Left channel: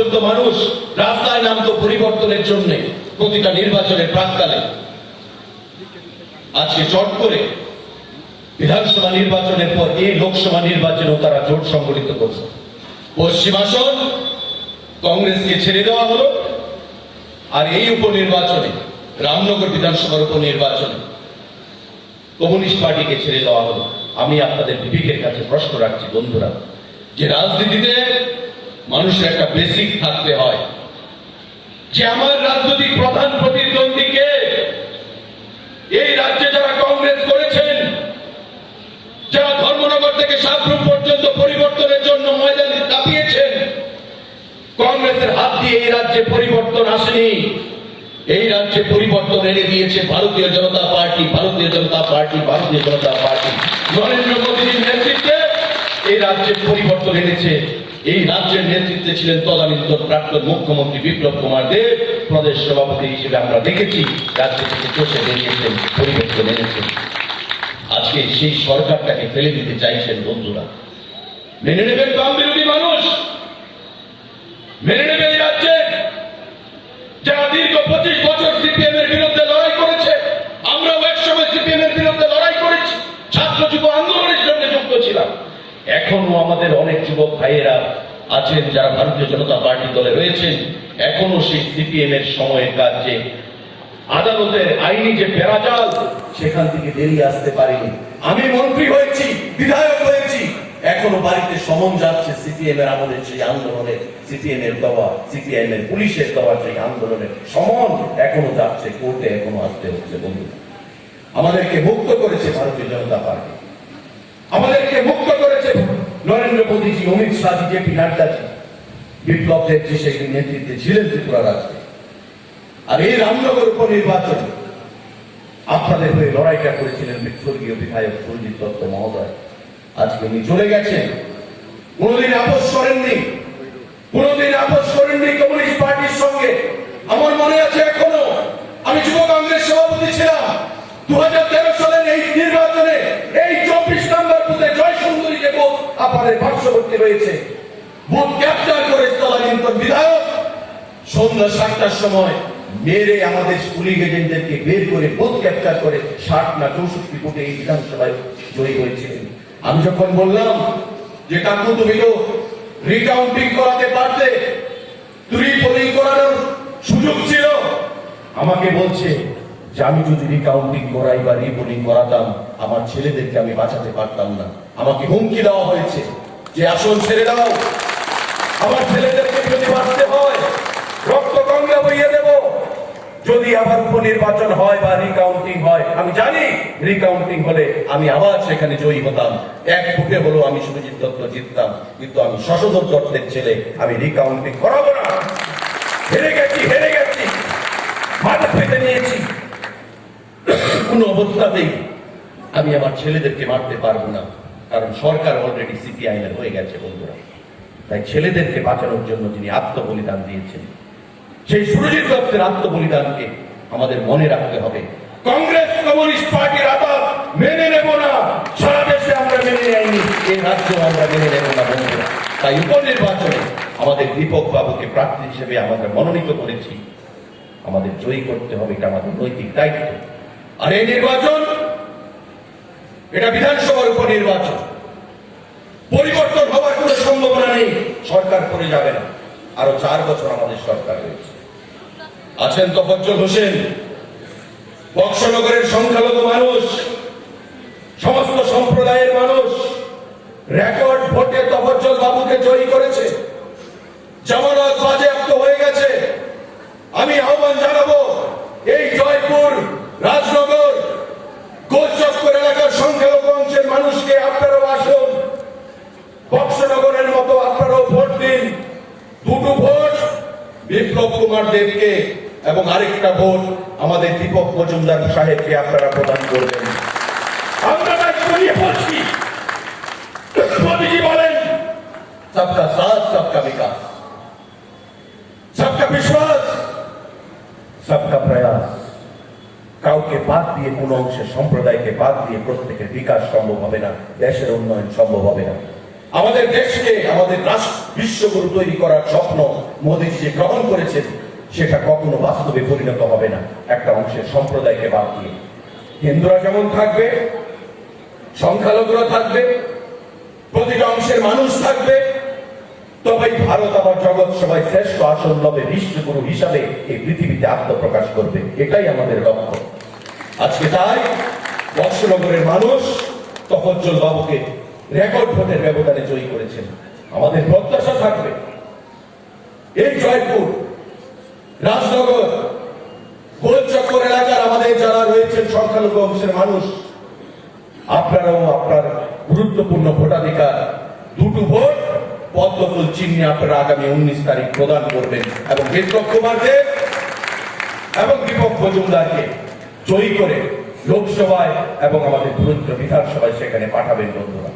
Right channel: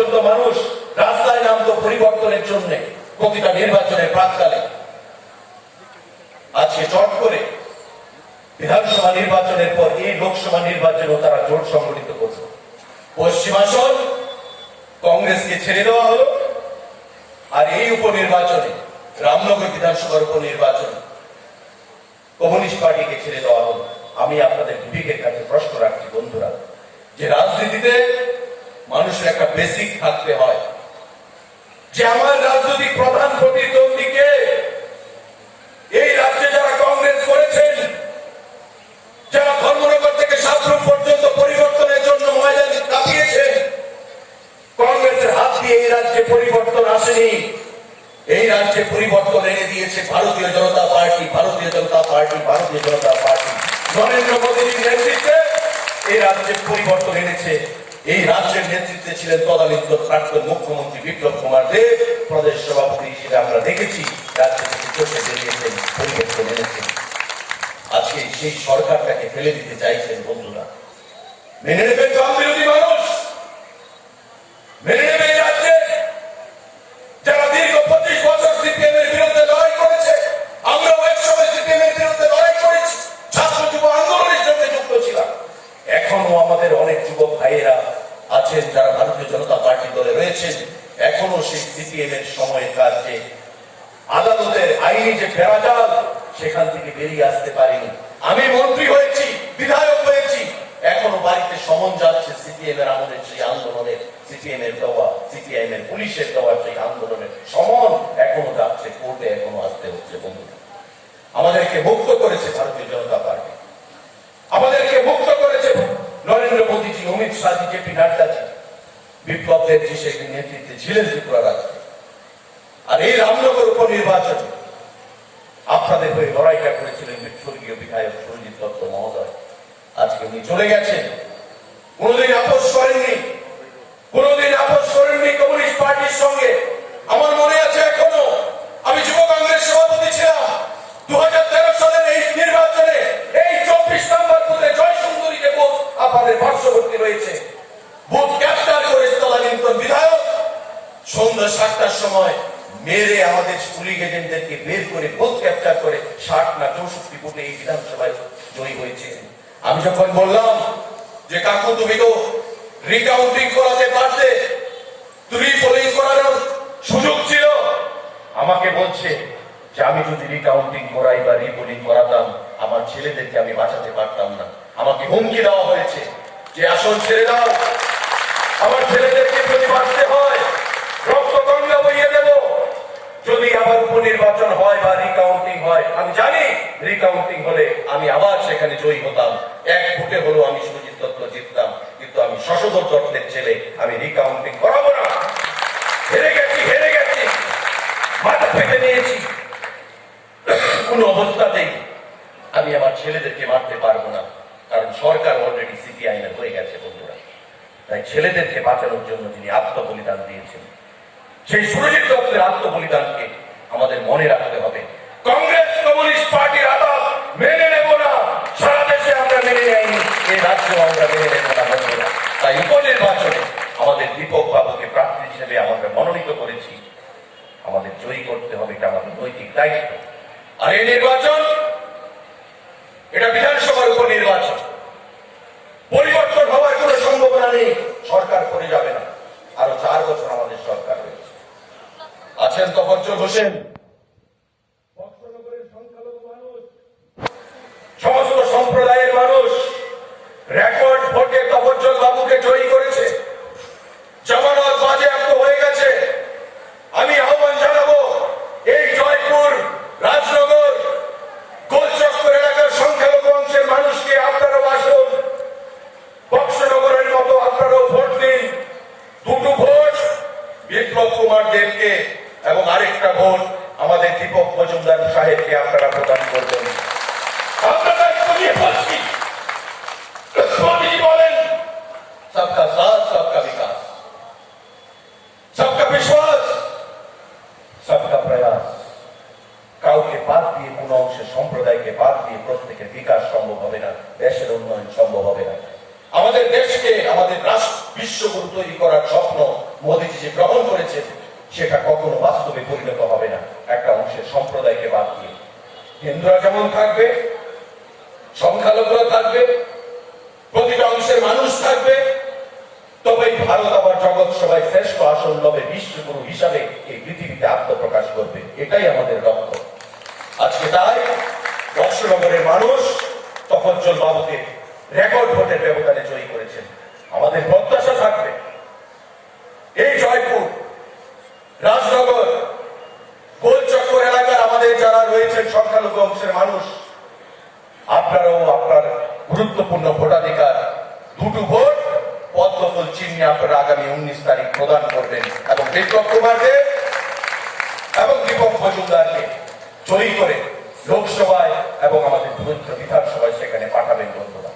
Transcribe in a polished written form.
পর্যন্ত মানুষ রাস্তায় নামতো পরিবর্তনের জন্য প্রতিটা নির্বাচনের প্রাককালে। আজকে চট করে বিধানসভা নির্বাচনের পর এই লোকসভা নির্বাচনেও তারা জোট সংগঠিত করছে। পশ্চিমাসন কংগ্রেসকে ছেড়ে দেওয়া হলো, আর এই উপনির্বাচনে রামনগর বিধানসভার উপনির্বাচনে কমিউনিস্ট পার্টিকে ছেড়ে দেওয়া হলো। আমি আপনাদের বিবেকের কাছে প্রশ্ন রাখছি বন্ধুরা, যে রাজনীতিতে মানুষের একটা বেসিক থাকতে হয়, যে আমার রাজনৈতিক প্রধান প্রতিদ্বন্দ্বীকে এই রাজ্যে যারা কংগ্রেস করেছেন, যারা ধর্মনগর থেকে সাবরুম পর্যন্ত পরিবর্তনের জন্য ময়দানে কাঁপিয়েছেন, কংগ্রেসের হাত দিয়ে এই রাজ্যে পরিবর্তন আসেনি। এই রাজ্যে পরিবর্তন এনে দিয়েছে ভারতীয় জনতা পার্টি, ভারতীয় জনতা পার্টি, ভারতীয় জনতা পার্টি। নরেন্দ্র মোদীর নেতৃত্বে এই রাজ্যে পরিবর্তন এনেছে। এই রাজ্যের নেতৃত্বে ছিলেন তদানীন্তন প্রাক্তন মুখ্যমন্ত্রী বিপ্লব কুমার দেব, প্রদেশ সভাপতি হিসেবে আমরা দেখেছি রাজ্য থেকে চষে বেরিয়েছেন, পরিবর্তন এনেছেন। আজকে সেই সরকারটাকে ফেলে দিতে চাইছেন বন্ধুরা। মেনে নেবেন বাম বিরোধী মানুষ? মেনে নেবে এই রাজ্যে যারা দীর্ঘ 25 বছর সিপিএম এর বিরুদ্ধে লড়াই করেছে? আমরাও একসময় সিপিএম এর বিরুদ্ধে লড়াই করেছি, ছাত্র যুব আন্দোলনের সঙ্গে যুক্ত ছিলাম। এখনো আমাদের অনেক যুবক ভাইয়েরা আছেন যারা ভারতীয় জনতা পার্টি দলে রয়েছেন, এখনো সেই সিপিএম এর সময়ের কাজে আদালতের আইনি যে বেড়াজাল সেখান থেকে বেরিয়ে আসতে পারিনি। আমি মন্ত্রী হয়েছি, বিধায়ক হয়েছি, এখনো বাড়িতে সমন যাচ্ছে সিপিএম এর আমলের সেই আন্দোলনে, সিপিএম এর দেওয়া, সিপিএম এর পুলিশের দেওয়া সেই আন্দোলনের সমন এখনো যাচ্ছে, কোর্টে এখনো আসতে হচ্ছে। বন্ধু, আমাদেরকে মুক্ত করেছে ভারতীয় জনতা পার্টি, আমাদেরকে মুক্ত করেছে নরেন্দ্র মোদীজি, অমিত শাহ, জেপি নাড্ডাজি, বিপ্লব দেবজি সেই নেতৃত্বে ছিলেন ত্রিপুরা রাজ্যে। আর এই রামনগর উপনির্বাচনে আপনাদের হয়ে লড়াইটা করেছিলেন স্বর্গীয় বিধায়ক সঞ্জিত দত্ত মহোদয়। আজকে উনি চলে গেছেন, কোনদিন আপোষ করেননি, কোনদিন আপোষ করেননি কমিউনিস্ট পার্টির সঙ্গে। আমার মনে আছে এখনো, আমি যুব কংগ্রেস সভাপতি ছিলাম। 2013 সালের এই নির্বাচনে এই 24 নম্বর বুথে জয় সুন্দরী যে বুথ আপনাদের পার্শ্ববর্তী রয়েছে, বুথ ক্যাপচার করে তদানীন্তন বিধায়ক সন্ধ্যা 7টার সময় মেরে আমাদের পুলিশ এজেন্টদেরকে বের করে বুথ ক্যাপচার করে 60 না 64 বুথে এই বিধানসভায় জয়ী হয়েছিলেন। আমি যখন বললাম যে কাকু তুমি তো রিকাউন্টিং করাতে পারতে, তুমি পোলিং করানোর সুযোগ ছিল, আমাকে বলছে যে আমি যদি রিকাউন্টিং করাই বা রিপোলিং করাতাম আমার ছেলেদেরকে আমি বাঁচাতে পারতাম না। আমাকে হুমকি দেওয়া হয়েছে যে আসন ছেড়ে দাও, আমার ছেলেদেরকে যদি বাঁচতে হয় রক্ত গঙ্গা বইয়ে দেব। যদি আবার উপনির্বাচন হয় বা রিকাউন্টিং হয়, আমি জানি রিকাউন্টিং হলে আমি আবার সেখানে জয়ী হতাম, 1 ফুটে হলেও আমি সুরজিৎ দত্ত জিততাম, কিন্তু আমি শশধর দত্তের ছেলে, আমি রিকাউন্টিং করাবো না। হেরে গেছি, মাথা ফেটে নিয়েছি, কোন অবস্থাতেই আমি আমার ছেলেদেরকে মারতে পারবো না, কারণ সরকার অলরেডি সিপিআই এর হয়ে গেছে বন্ধুরা। তাই ছেলেদেরকে বাঁচানোর জন্য যিনি আত্মবলিদান দিয়েছেন, সেই সুরজিৎ দত্তের আত্মবলিদানকে আমাদের মনে রাখতে হবে। কংগ্রেস কমিউনিস্ট পার্টির আদালত মেনে নেব না, সারা দেশে আমরা মেনে নেয়নি, এই রাজ্য আমরা মেনে নেব না বন্ধুরা। তাই উপনির্বাচনে আমাদের দীপক বাবুকে প্রার্থী হিসেবে আমরা মনোনীত করেছি, আমাদের জয়ী করতে হবে, এটা আমাদের নৈতিক দায়িত্ব। আর এই নির্বাচন এটা বিধানসভার উপনির্বাচন, পরিবর্তন হওয়ার কোন সম্ভাবনা নেই, সরকার করে যাবে না। আরো 4 বছর আমাদের সরকার রয়েছে। আছেন তফজ্জল হোসেন, বক্সনগরের সংখ্যালঘু মানুষ, সমস্ত সম্প্রদায়ের মানুষ রেকর্ড ভোটে তফজ্জল বাবুকে জয়ী করেছে, জামানত বাজেয়াপ্ত হয়ে গেছে। আমি আহ্বান জানাবো এই জয়পুর, রাজনগর, গোলচক্কর এলাকার সংখ্যালঘু অংশের মানুষকে আপনারাও আসুন, বক্সনগরের মতো আপনারাও ভোট দিন। 2টো ভোট বিপ্লব কুমার দেবকে এবং আরেকটা ভোট আমাদের দীপক মজুমদার সাহেবকে আপনারা প্রদান করবেন। আমরা দায়িত্ব নিয়ে বলছি, মোদীজি বলেন সবকা সাথ সবকা বিকাশ, সবকা বিশ্বাস, সবকা প্রয়াস। কাউকে বাদ দিয়ে, কোন অংশের সম্প্রদায়কে বাদ দিয়ে প্রত্যেকের বিকাশ সম্ভব হবে না, দেশের উন্নয়ন সম্ভব হবে না। আমাদের দেশকে আমাদের রাষ্ট্র বিশ্বগুরু তৈরি করার স্বপ্ন মোদীজি যে গ্রহণ করেছেন সেটা কখনো বাস্তবে পরিণত হবে না একটা অংশের সম্প্রদায়কে বাদ দিয়ে। হিন্দুরা যেমন থাকবে, সংখ্যালঘুরা থাকবে, প্রতিটা অংশের মানুষ থাকবে, তবেই ভারত আবার জগৎ সভায় শ্রেষ্ঠ আসন লবে বিশ্বগুরু হিসাবে এই পৃথিবীতে আত্মপ্রকাশ করবে। এটাই আমাদের লক্ষ্য। আজকে তাই বৎসনগরের মানুষ তফজ্জল বাবুকে রেকর্ড ভোটের ব্যবধানে জয়ী করেছেন। আমাদের প্রত্যাশা থাকবে এই জয়পুর, রাজনগর, গোলচক্কর এলাকার আমাদের যারা রয়েছেন সংখ্যালঘু অংশের মানুষ, আপনারাও আপনার গুরুত্বপূর্ণ ভোটাধিকার দুটো ভোট পদ্মফুল চিহ্নে আপনারা আগামী 19 তারিখ প্রদান করবেন এবং বিপ্লব কুমারকে এবং দীপক মজুমদারকে জয়ী করে লোকসভায় এবং আমাদের বিধানসভায় সেখানে পাঠাবেন বন্ধুরা।